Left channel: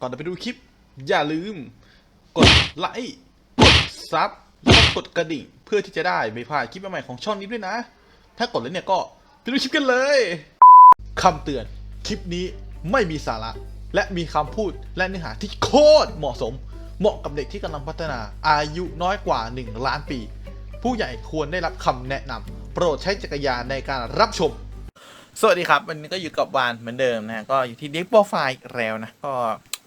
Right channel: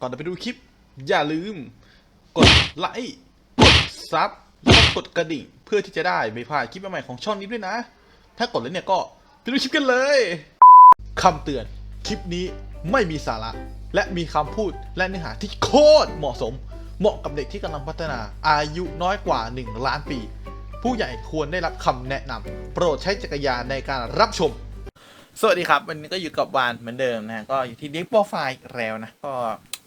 ก่อนจะไปดูคลิป อย่าลืม กดไลค์กดซับแล้วกดกระดิ่ง เพื่อที่จะได้ไม่พลาดคลิปใหม่ๆของช่องนี้ด้วยนะ ถ้ากดแล้วเนี่ยก็ไปดูคลิปกันเลยคำเตือนคลิปนี้ไม่มีสาระ และมีคำพูดและเนื้อหาที่โคตรเหมาะสม เหมาะกับเด็กที่กำลังพัฒนาอายุน้อยกว่า 1 ล้านปี ผู้ใหญ่ควรได้รับคำแนะนำโปรดใช้จักรยานในการรับชม สวัสดีครับ วันนี้ก็อยู่กับวานเหมือนเดิมนะ ก็อยู่ที่เด็กโปรไฟล์แล้วนะ ก็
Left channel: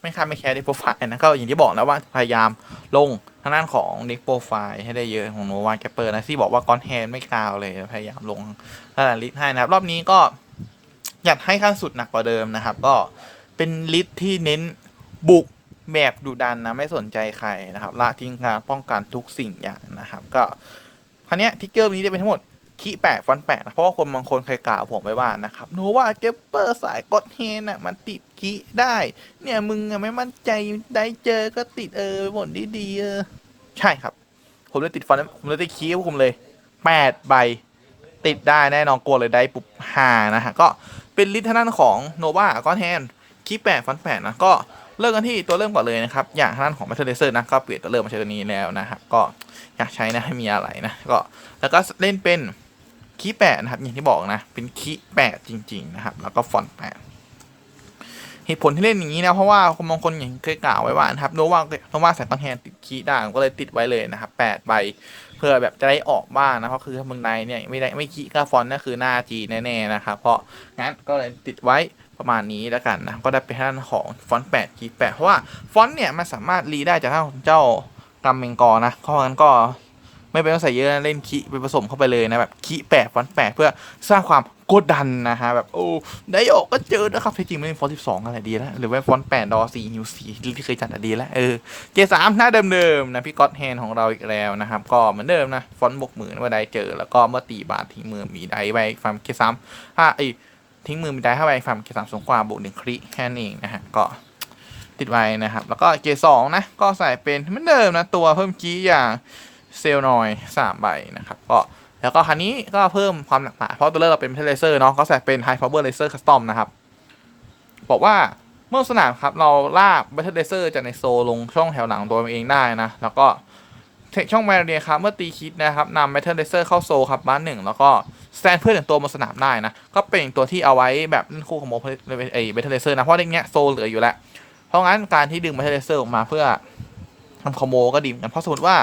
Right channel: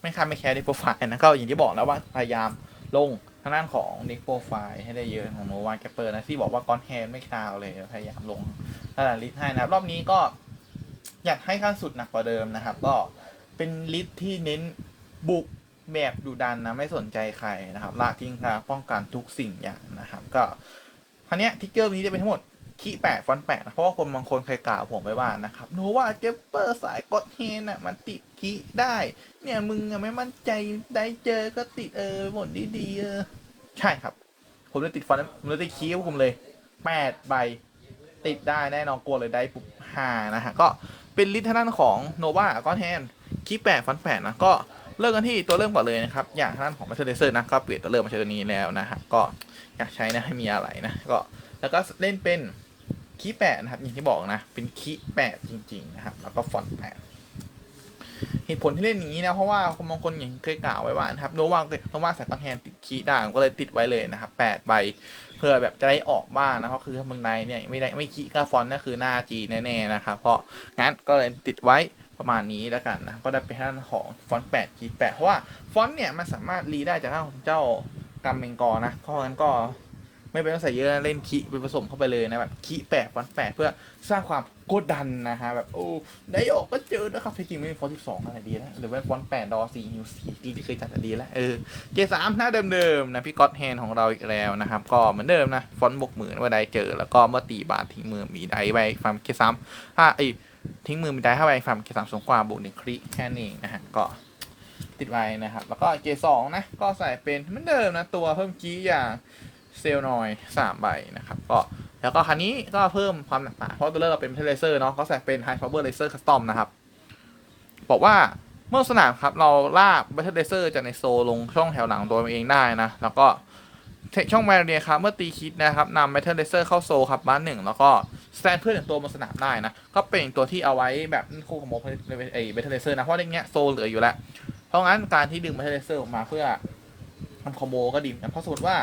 ไม่ค้าไม่แคร์เด็กโปรไฟล์นะก็อย่างที่บอกแล้วว่าพยายามลงทางด้านของเด็กโปรไฟล์ให้ได้เยอะของโนวาแกเปอร์นะที่บอกว่าก้อนแฮนไม่กาวเลยพยายามลงระดับลิสต์ให้นะครับ รอบนี้ก็อยากให้ขั้นสุดหนักกว่าเดิมนะครับ ก็เป็นลิสต์ที่เน้นบุกแบบดุดันนะไม่สนใจใครนะครับละทิ้งการป้องกันทุกสิ่งอย่างนะครับ ก็คราวนี้ทิกเกอร์นี้จะเป็นทั้งหมด คีแปะฟอนแปะนะเพราะว่าคนบางคนเคยกล่าวผมไว้ว่านะครับโนว่าเกปเปอร์สายกดเฮนอะมันติดคีได้ เนี่ยมึงอะไม่มั่นใจได้เจอก็ติดเออหมดดีๆเออใช่ครับ ผมเลยติดฟอนผมเลยติดคีย์ผมเลยแปดใบติดได้แน่นอนกลัวเลยได้ปุ๊บหานะฮะก็เป็นลิทเทนันของโนวาก้อนแฮนคีแปะฟอนแปะนะก็เริ่มกันที่ตัวเริ่มก่อนเลยนะครับ อย่างทางด้านของ m ม t เ r อร์เซอร์นะ ก็เปลี่ยนตัวเริ่มมาใช้ตัวนี้แล้วนะครับ ก็อยากใช้นะให้มีอะไรนะ ก็แล้วก็เล่นเป็น คีแปดนะครับอย่างที่บอกนะ เป็นคีแปดจริง ๆ นะครับ แล้วก็ฟอนต์แปดเหตุผลที่เล่นอย่างนี้นะเพราะว่าคนบางคนอย่างเคยกล่าวไว้ว่านะครับโนว่าโนว่าใส่ต้นแทนติดคีย์ได้ผมก็เลยติดไว้เลยนะครับแปดใบเพื่อแบบจะได้ออกบ้างนะเพราะคือถ้ามึงในเนี่ยไม่ได้ไม่คีย์ก็ฟอนต์นั่นคือหน้าจีแน่ๆนะครับเพราะงั้นก็เลยติดไว้ประมาณนี้แล้วกันนะก็ได้เป็นทางด้านของฟอนต์แปดคีย์แปดเพราะว่าฟอนต์เนี่ยมันสามารถรีได้จากทางของเจ้ากำเมงกอนะเพราะงั้นก็ ไม่เป็นต้องใส่เยอะเล่นคิไปผสมเข้าไปเลยนะแบบคิแปะฟอนแปะเพื่อสร้างความกดดันนะฮะแบบโอ้ได้ออกก็เจอนะครับที่จริงไม่เป็นฟอนต์สิบสองอะไรดีแล้วหรือว่าฟอนต์แปดดอสี่ฮิวสี่ที่เคยจัดอะดีแล้วเออเจสามหน้าเดิมๆนะพี่ก๊อตแฮนของเราอีกแล้วนะครับก็เหมือนเดิมนะฟอนต์บกหมื่นว่าได้เจอ แล้วก็เมื่อตีบาททิ้งมือมีได้ไว้ฟาร์มเคสามถ้าไอทิ้งมือมีได้ถ้าไปฟาร์มเคสามสูงกว่าบวกหนึ่งคริแค่นี้นะฮะก็ติดไว้นะครับแล้วก็เจสองนะก็ใส่เป็นเหมือนเดิมนะตัวเพิ่มกี้อย่าง เซลล์นอยสามใบนะครับก็แล้วก็คันนี้ก็เพิ่มความหลากหลาเพราะตัวเลือกเราเป็นเลเซอร์เนาะก็ใส่เป็น High Power Laser Custom นะครับ บอกว่าเมื่อสนามครับเราลาก Battle Laser จากในโซลงช่องแถวหลังตัวเองได้นะ แล้วก็เทคช่องแมเรียครับเมื่อตีคิดนะครับนำ Battle Laser เข้าโซลครับบ้านหนึ่งแล้วก็สแตนเพื่อนหนึ่งตัวบนสนามได้นะ ก็เป็นตัวที่เอาไว้แบบเล่นคู่ของโมเอเบทเลเซอร์นะเพราะเด็กเนี้ยโซลเหลืออยู่แล้ว เพราะงั้นการที่ดึง Battle Laser ออกมาเพื่อทำคอมโบก็ดีนกันเพราะสมมติว่า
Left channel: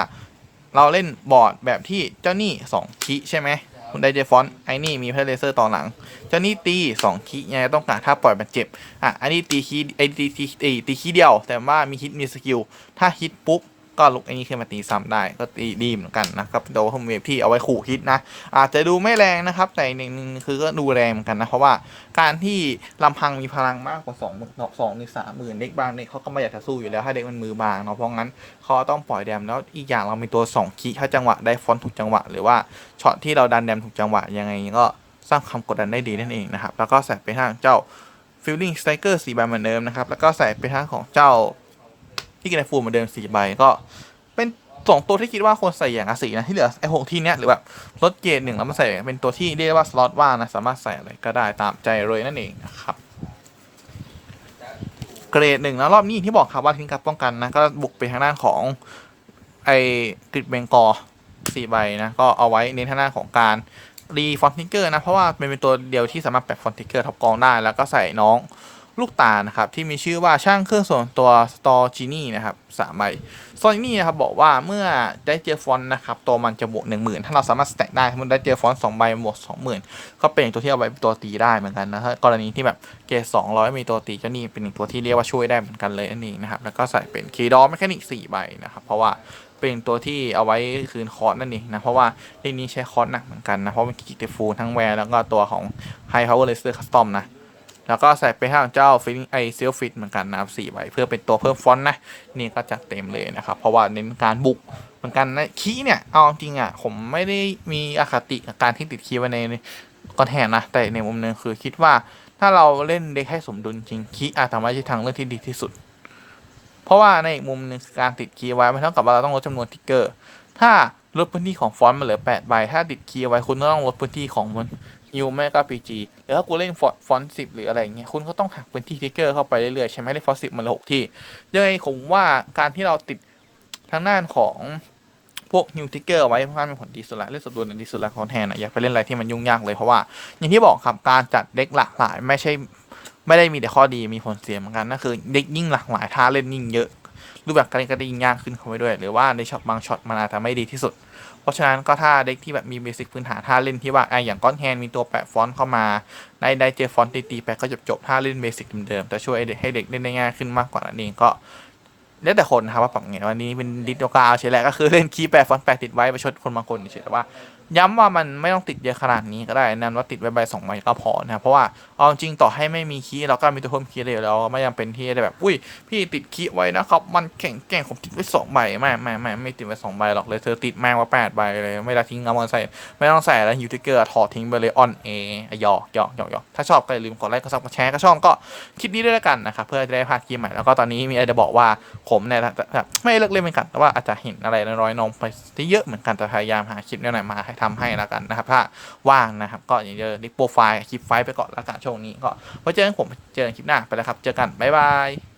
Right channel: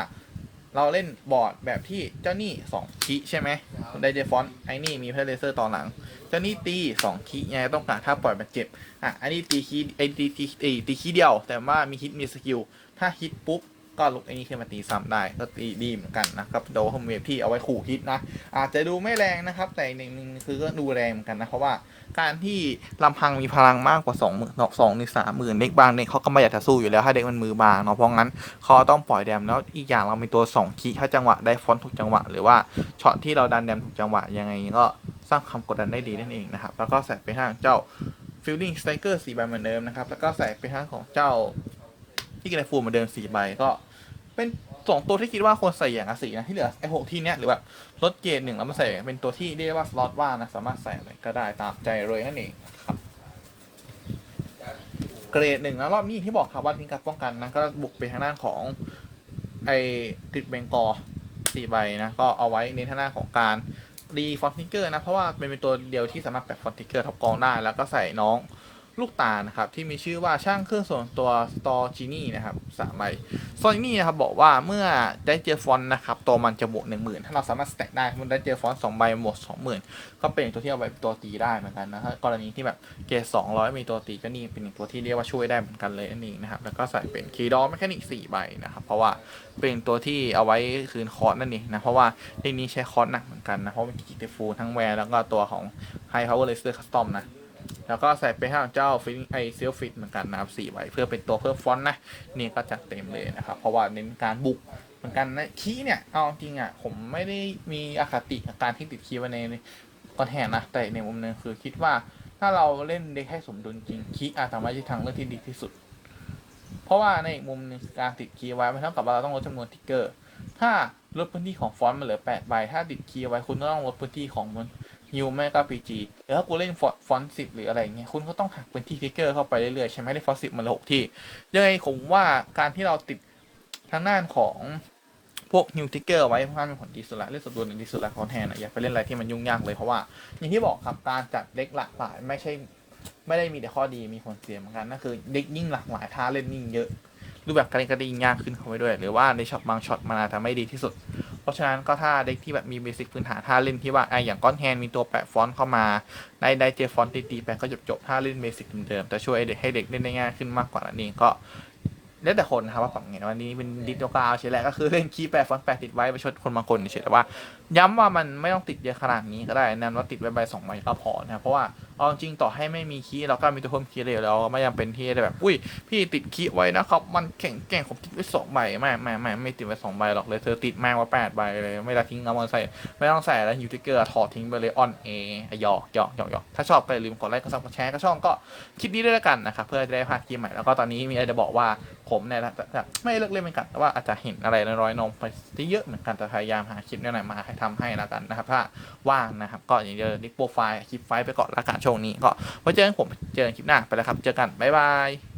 เราเล่นบอร์ดแบบที่เจ้านี่สองคิใช่ไหมคุณไดเจฟอนไอ้นี่มีเพลเลเซอร์ต่อหลัง เจ้านี่ตีสองคิไงต้องการถ้าปล่อยมันเจ็บอะอันนี้ตีคีไอ้ตีตีตีตีคีเดียว แต่ว่ามีฮิตมีสกิลถ้าฮิตปุ๊บ ก็ลุกไอ้นี่ขึ้นมาตีซ้ำได้ ก็ตีดีเหมือนกันนะครับโดยเวฟที่เอาไว้ขู่ฮิตนะ อาจจะดูไม่แรงนะครับ แต่หนึ่งคือก็ดูแรงเหมือนกันนะ เพราะว่าการที่ลำพังมีพลังมากกว่าสองหมื่นสองหรือสามหมื่นเด็กบางเด็กเขาก็ไม่อยากจะสู้อยู่แล้วถ้าเด็กมันมือบางเนาะเพราะงั้นเขาต้องปล่อยแดมแล้วอีกอย่างเรามีตัวสองคีถ้าจังหวะได้ฟอนต์ถูกจังหวะ หรือว่าช็อตที่เราดันแดมถูกจังหวะยังไงก็สร้างความกดดันได้ดีนั่นเองนะครับแล้วก็ใส่ไปทางเจ้า Feeling Striker สี่ใบเหมือนเดิมนะครับแล้วก็ใส่ไปทางของเจ้า ที่กินไอฟูเหมือนเดิมสี่ใบก็ เป็นสองตัวที่คิดว่าควรใส่อย่างละสีนะที่เหลือไอหกที่เนี้ยหรือแบบลดเกรดหนึ่งแล้วมาใส่เป็นตัวที่เรียกว่าสล็อตว่างนะสามารถใส่อะไรก็ได้ตามใจเลยนั่นเองนะครับเกรดหนึ่งแล้วรอบนี้ที่บอกครับว่าทิ้งการป้องกันนะก็บุกไปทางด้านของไอกริดเบงกอสี่ใบนะก็เอาไว้เน้นทางด้านของการรีฟอนติเกอร์นะเพราะว่าเป็นตัวเดียวที่สามารถแปะฟอนติเกอร์ทับกองได้แล้วก็ใส่น้อง ลูกตานะครับที่มีชื่อว่าช่างเครื่องส่วนตัวสตอจีนี่นะครับสามใบฟอนต์นี่นะครับบอกว่าเมื่อได้เจอฟอนนะครับตัวมันจะบวกหนึ่งหมื่นถ้าเราสามารถสแต็กได้มันได้เจอฟอนสองใบบวกสองหมื่นก็เป็นตัวที่เอาไว้เป็นตัวตีได้เหมือนกันนะถ้ากรณีที่แบบเกรดสองร้อยมีตัวตีเจ้านี่เป็นตัวที่เรียกว่าช่วยได้เหมือนกันเลยนั่นเองนะครับแล้วก็ใส่เป็นคีย์ดอแมคานิกสี่ใบนะครับเพราะว่าเป็นตัวที่เอาไว้คืนคอร์สนั่นเองนะเพราะว่าเรื่องนี้ใช้คอร์สหนักเหมือนกันนะเพราะมันกิจฟูทั้งแวร์แล้วก็ตัวของ High Power Laser Custom นะ แล้วก็ใส่ไปทางเจ้าฟิลไอเซลฟิตเหมือนกันนะครับสี่ใบเพื่อเป็นตัวเพิ่มฟอนต์นะ นี่ก็จัดเต็มเลยนะครับ เพราะว่าเน้นการบุกเหมือนกันนะคีเนี่ย เอาจริงอะ ผมไม่ได้มีอคติกับการที่ติดคีไว้ในกอนแทนนะ แต่ในมุมหนึงคือคิดว่าถ้าเราเล่นเด็กให้สมดุลจริงคีอาจทำให้ทางเลือกที่ดีที่สุด เพราะว่าในอีกมุมหนึงการติดคีไว้มันเท่ากับว่าเราต้องลดจำนวนทิกเกอร์ ถ้าลดพื้นที่ของฟอนต์มาเหลือ8ใบถ้าติดคีไว้คุณต้องลดพื้นที่ของมัน ฮิวแม่ก็พีจีแล้วถ้ากูเล่นฟอนฟอนสิบหรืออะไรอย่างเงี้ยคุณก็ต้องหักเป็นที่ทิกเกอร์เข้าไปเรื่อยๆใช่ไหมเล่ฟอนต์สิบมันหกที่ยังไงผมว่าการที่เราติดทางด้านของพวกฮิวทิกเกอร์ไว้ค่อนข้างมีผลดีสุดละเล่นสมดุลดีสุดละของแทนอะอย่าไปเล่นอะไรที่มันยุ่งยากเลยเพราะว่า อย่างที่บอกครับการจัดเด็กหลากหลายไม่ใช่ไม่ได้มีแต่ข้อดีมีผลเสียเหมือนกันนั่นคือเด็กยิ่งหลากหลายท่าเล่นยิ่งเยอะรูปแบบการเล่นก็ได้ยิ่งยากขึ้นเข้าไปด้วย หรือว่าในช็อตบางช็อตมันอาจจะไม่ดีที่สุด เพราะฉะนั้นก็ถ้าเด็กที่แบบมีเบสิกพื้นฐานถ้าเล่นที่ว่าไออย่างก้อนแฮนมีตัวแปะฟอนต์เข้ามาได้ได้เจอฟอนต์ตีๆไปก็จบจบถ้าเล่นเบสิกเดิมๆแต่ช่วยให้เด็กให้เด็กเล่นได้ง่ายขึ้นมากกว่านั้นเองก็แล้วแต่คนนะครับว่าปรับไงวันนี้เป็นดิสโนกาเฉยแหละก็คือเล่นคีย์แปะฟอนต์แปะติดไว้ประชดคนบางคนเฉยแต่ว่า ย้ำว่ามันไม่ต้องติดเยอะขนาดนี้ก็ได้แนะนว่าติดไว้ใบสองใบก็พอนะครับเพราะว่าเอาจริงต่อให้ไม่มีคีย์เราก็มีตัวเพิ่มคีย์เลยเราไม่จำเป็นที่จะแบบ อุ้ย พี่ติดคีย์ไว้นะครับมันแข็งแกร่งผมติดไว้สองใบไม่ไม่ไม่ไม่ติดไว้สองใบหรอกเลยเธอติดแม่งว่าแปดใบเลยไม่ได้ทิ้งเอามาใส่ไม่ต้องใส่แล้วยูทิเกอร์ถอดทิ้งไปเลยออนเอหยอกหยอกหยอกหยอกถ้าชอบก็อย่าลืมกดไลค์กดซับกดแชร์ก็ช่องก็คลิปนี้ด้วยล้วกันนะครับเพื่อจะได้พลาดคลิปใหม่แล้วก็ตอนนี้มีอะไรจะบอกว่าผมเนี่ยนะไม่เลิกเล่นเป็นกันแต่ว่าอาจจะเห็นอะไรน้อยๆนมไปที่เยอะเหมือนกันแต่พยายามหาคลิปแนวไหนมาให้ทำให้แล้วกันนะครับ ถ้าว่างนะครับ ก็อย่างเดียวดิโปรไฟล์คลิปไฟล์ไปก่อนละกันช่วงนี้ก็ไว้เจอกันผมเจอกันคลิปหน้าไปแล้วครับ เจอกันบ๊ายบาย